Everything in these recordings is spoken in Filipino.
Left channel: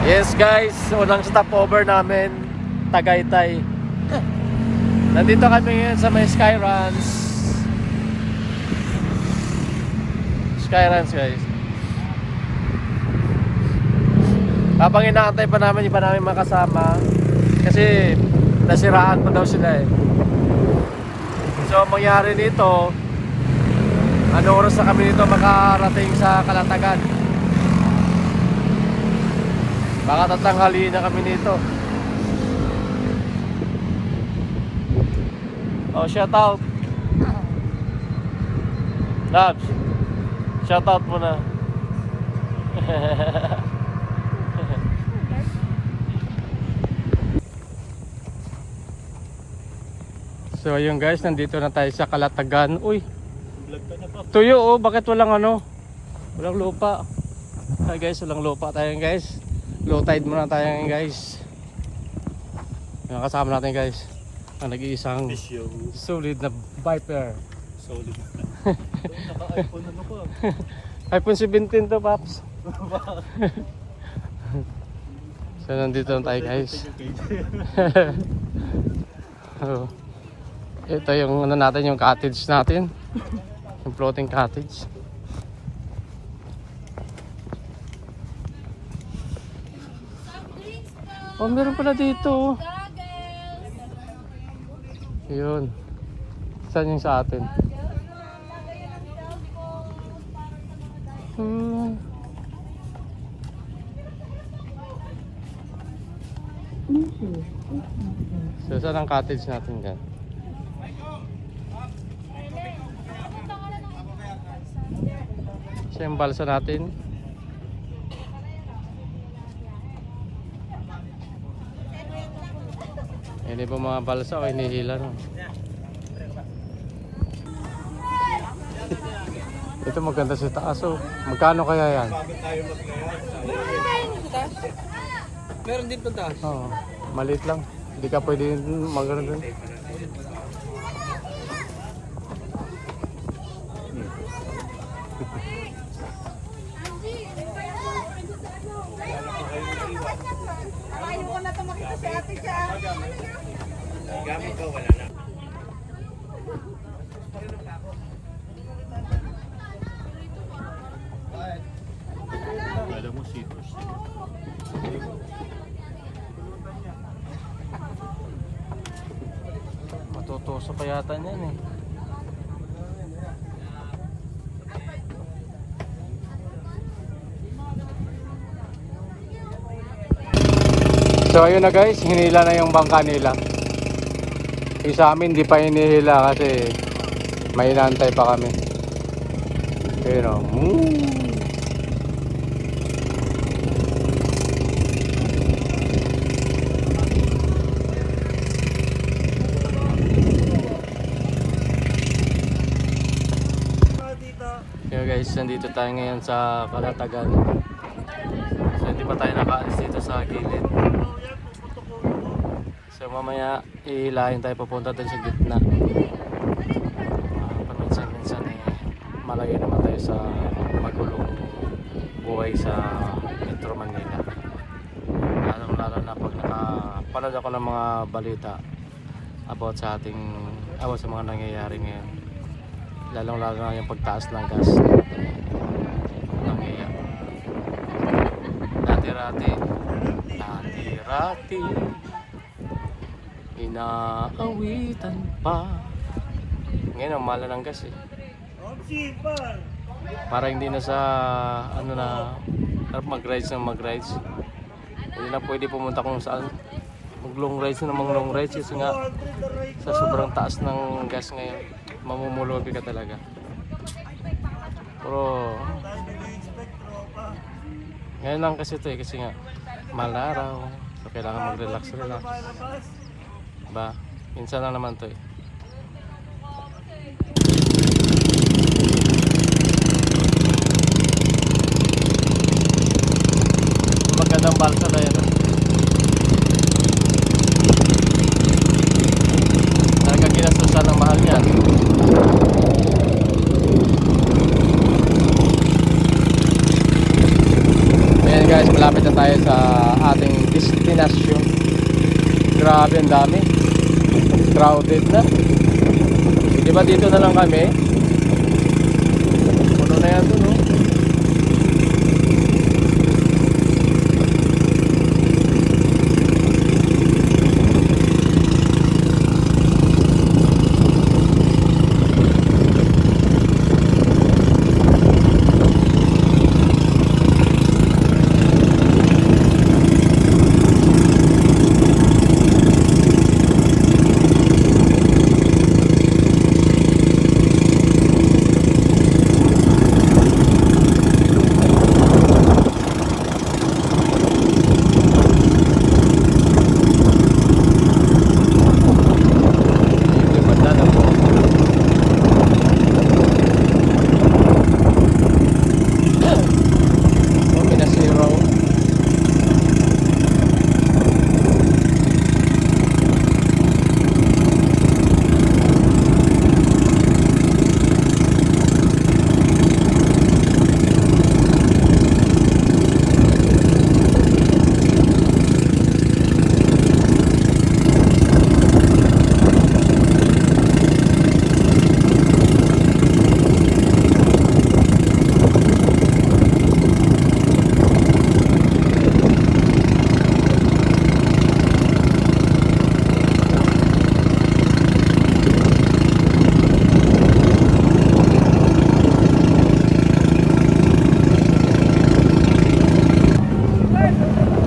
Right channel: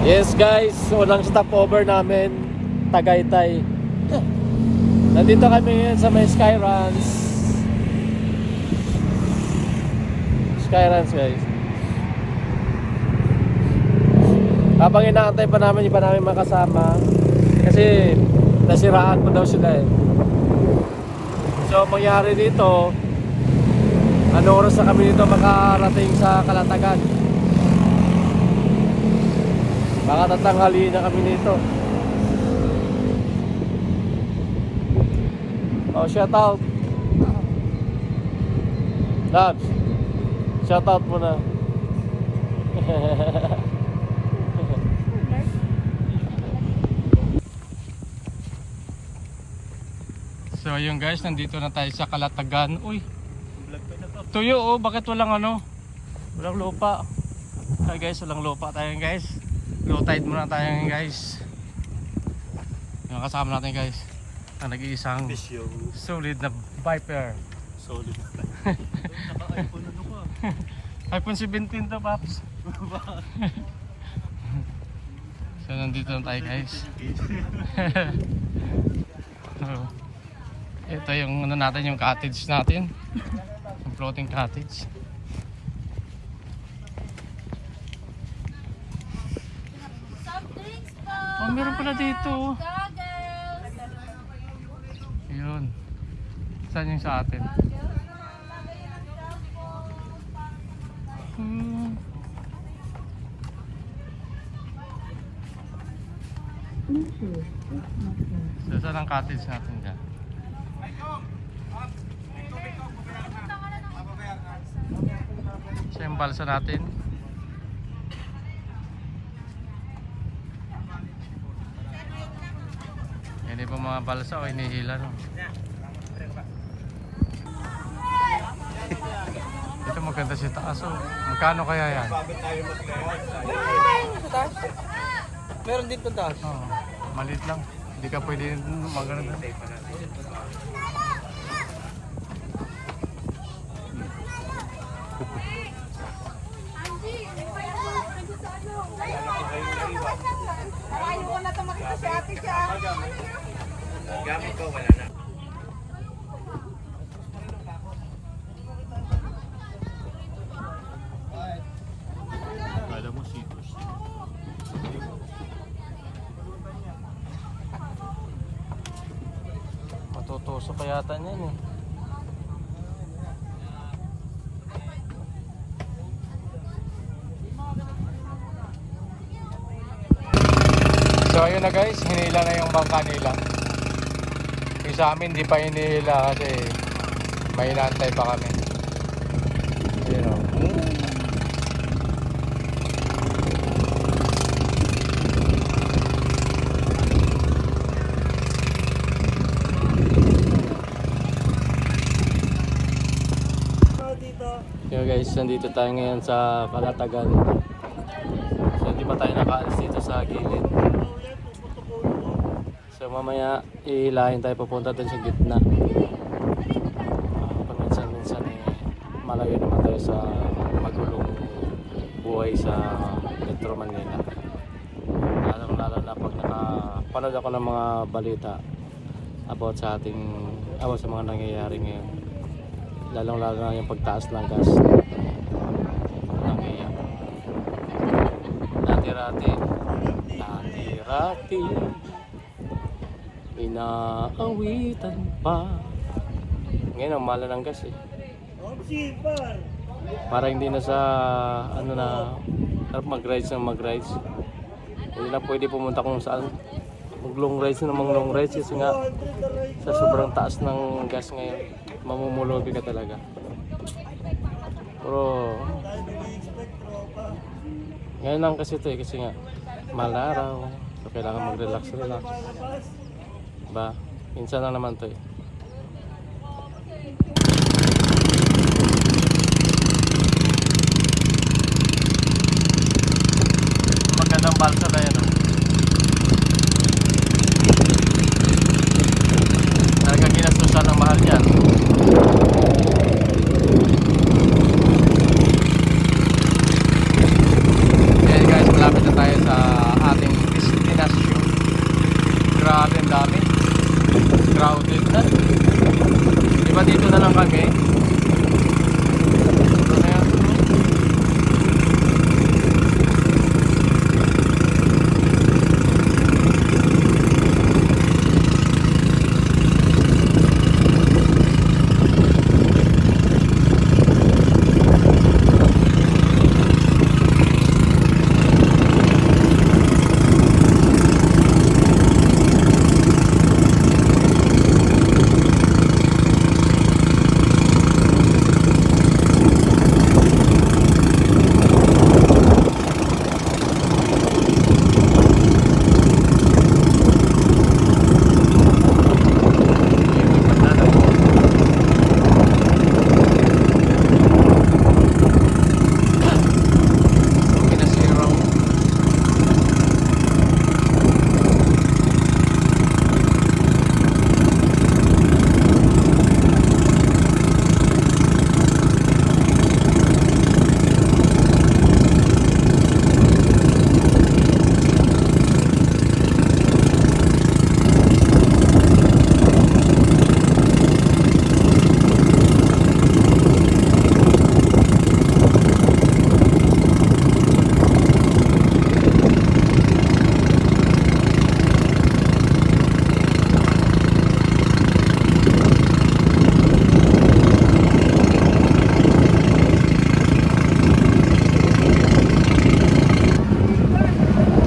Yes guys, unang stopover namin, Tagaytay. Nandito kami ngayon sa may Skyruns. Skyruns guys. Habang inaantay pa namin, iba namin makasama. Kasi nasiraan pa daw sila eh. So mangyari nito, ano oras na kami nito makarating sa Kalatagan? Baka tatanghali na kami nito. Oh, shout out. Labs. Shout out muna. So ayun guys, nandito na tayo sa Kalatagan. Uy, tuyo oh, bakit walang ano? Walang lupa. Ay guys, walang lupa tayo guys. Low tide muna tayo guys. Yung kasama natin guys, ang nag-iisang solid na Viper. Solid. Naka-iPhone ano po? iPhone 17 to Paps. So nandito na tayo guys. Ito yung ano natin, yung cottage natin. Yung floating cottage. Oh, meron pala dito. Yun. Saan yung sa atin? So saan ang cottage natin dyan? So yung balsa natin. Hindi po mga balsa o hinihila no? Ito maganda si taas oh. Magkano kaya yan? Meron din pa taas. Oh, maliit lang. Hindi ka pwede magano. Ayaw ko na tumakita si ate siya. Gamit ko wala na. Alam mo sitos. Matutuso pa yata niyan eh. So ayun na guys, hinila na yung bangka nila. Yung sa amin di pa hinihila kasi may inaantay pa kami. Pero Yo guys, nandito tayo ngayon sa Kalatagan. So hindi pa tayo nakaalis dito sa gilid. So mamaya ihilahin tayo papunta dun sa gitna. Paminsan-minsan eh, malayo naman tayo sa magulong buhay sa Metro Manila. Lalo na pag nakapanood ako ng mga balita about sa mga nangyayari ngayon. Lalong-lalo na yung pagtaas ng gas. Nangyayari. Dati-rati inaawitan pa. Ngayon ang mahal ng gas eh. Para hindi na sa ano na mag-rides. Hindi na pwede pumunta kung saan. Mag-long rides kasi nga sa sobrang taas ng gas ngayon mamumulubi ka talaga. Pero ngayon lang kasi ito eh, kasi nga mahal na araw, so kailangan mag-relax. Diba? Minsan lang naman ito eh. Magandang balsa na yun. Talagang ginasusan ng mahal yan. Ayan guys, malapit na tayo sa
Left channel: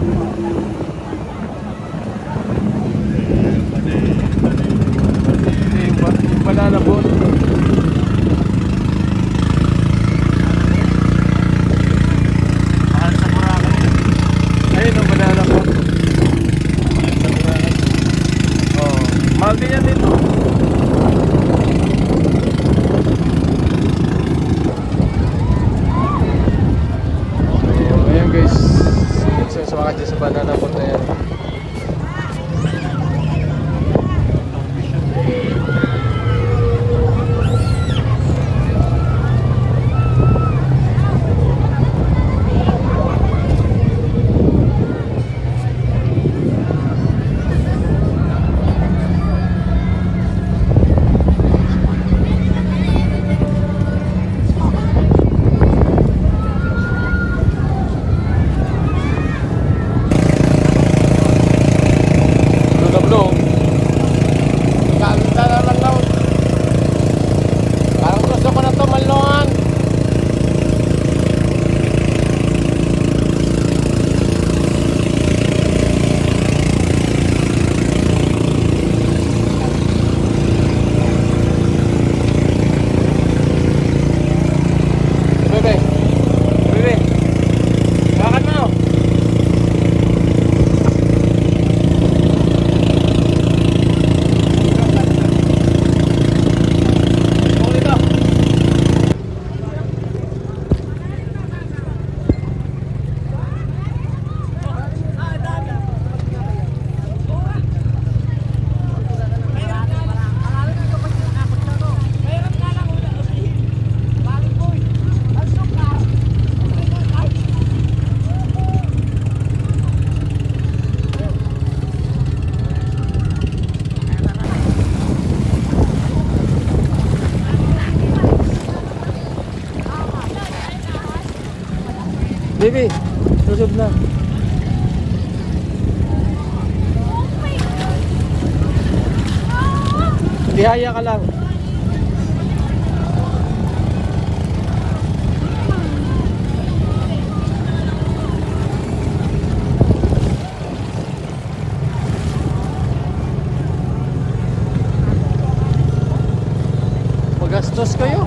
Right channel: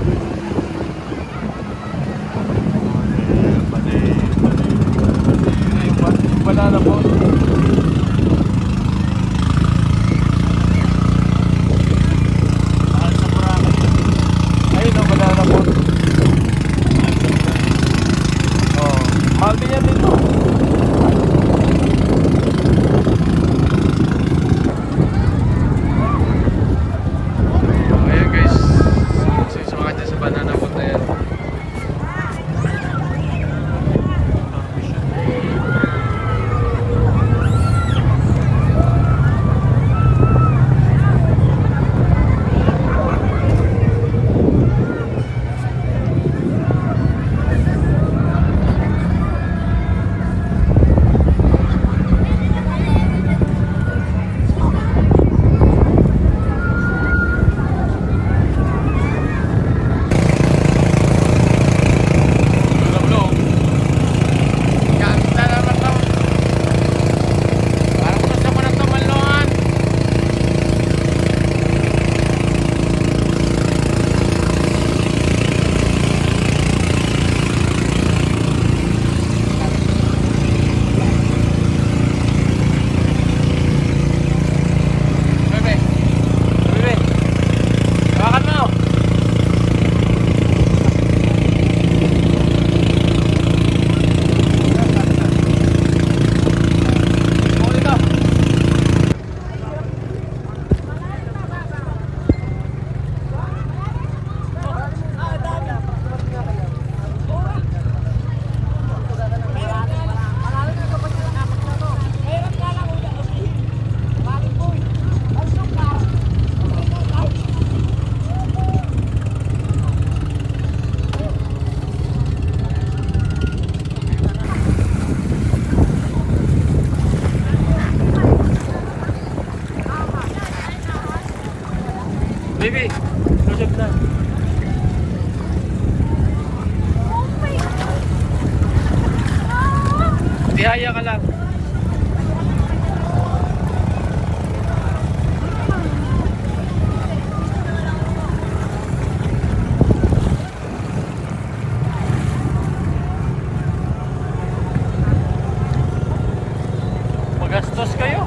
Banana boat. Ayan guys, gusto sa mga dyan sa banana boat na yan. Baby, lusog na. Tihaya ka lang. Magastos kayo.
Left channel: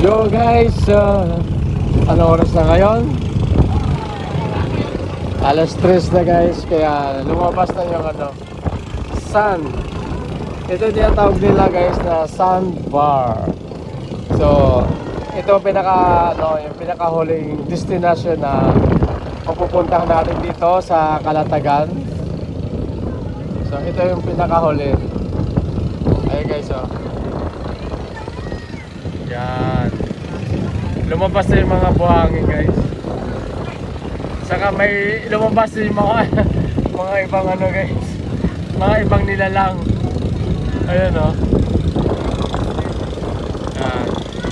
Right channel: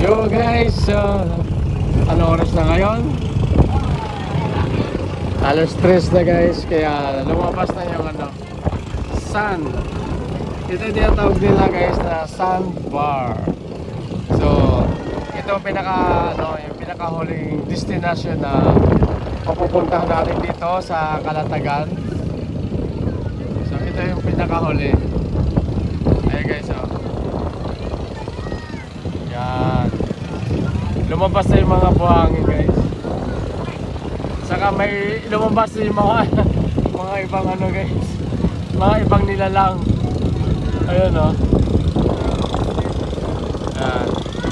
Yo guys, ano oras na ngayon? Alas 3 na guys, kaya lumabas na yung sun. Ito tinatawag nila guys na sandbar. So, ito yung pinaka-huling destination na mapupuntahan natin dito sa Calatagan. So, ito yung pinaka-huli. Ayan guys, lumabas na yung mga buhangin guys. Saka may lumabas na yung mga ibang guys, mga ibang nilalang. Ayun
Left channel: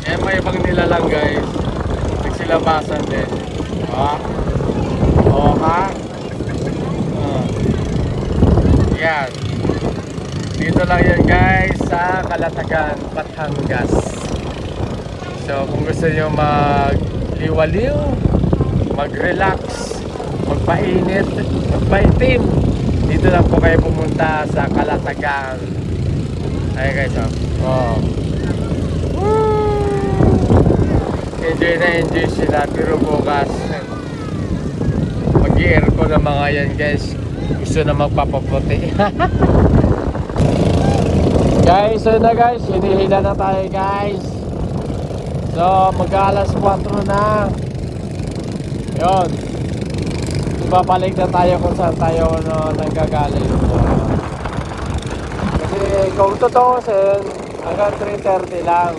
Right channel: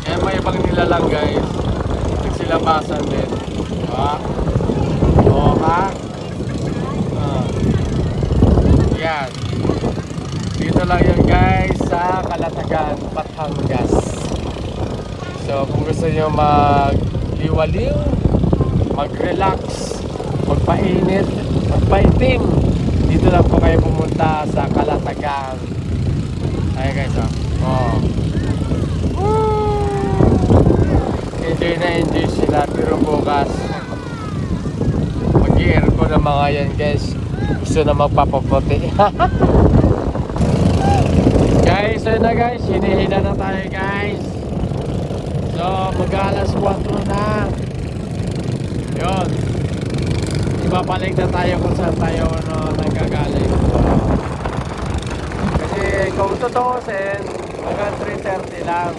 yan may ibang nilalang guys. Nagsilabasan din, diba? Yan dito lang yan guys sa Calatagan, Batangas. So kung gusto nyo mag-liwaliw, mag-relax, magpainit, magpaitim, dito lang po kayo pumunta sa Calatagan. Ayun guys, enjoy na enjoy sila, pero bukas mag-i-aircon na mga yan guys. Gusto na magpapapote. Guys, ayun na guys, hinihila na tayo guys. So, mag-alas 4 na. Yun. ibabalik na tayo kung saan tayo nagagaling. Kasi kung tutuusin, hanggang 3:30 lang.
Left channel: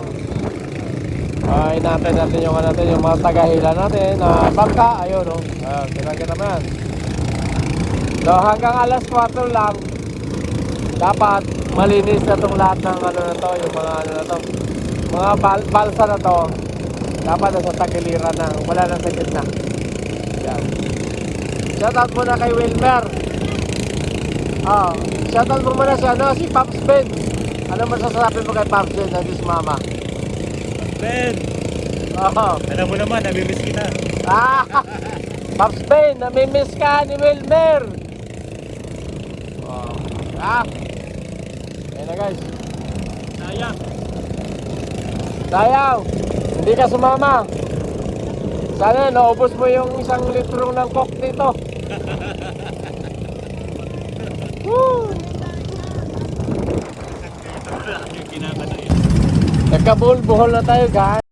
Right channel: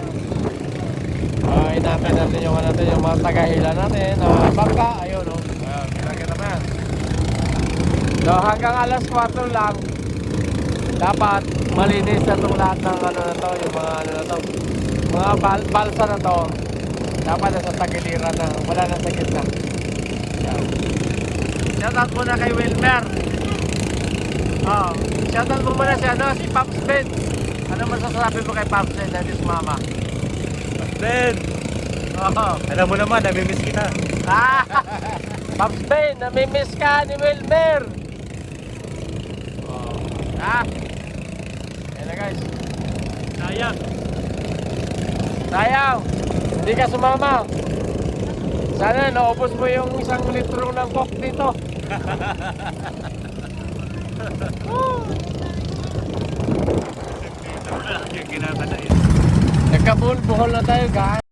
Inaamin natin yung yung mga tagahila natin na bangka, ayun o, talaga naman. So hanggang alas 4 lang, dapat malinis na itong lahat ng mga balsa na to. Dapat nasa tagiliran na, wala na sa gitna. Shoutout muna kay Wilmer. Shoutout mo muna si Pops Ben. Ano masasabi mo kay Pops Ben na si Mama? Ben! Alam mo naman, namimiss kita. Pops Ben, namimiss ka ni Wilmer. Ayan na guys. Sayang, hindi ka sumama. Sana naubos mo yung 1 litro ng coke dito. Nagkabulbuhol na tayo guys.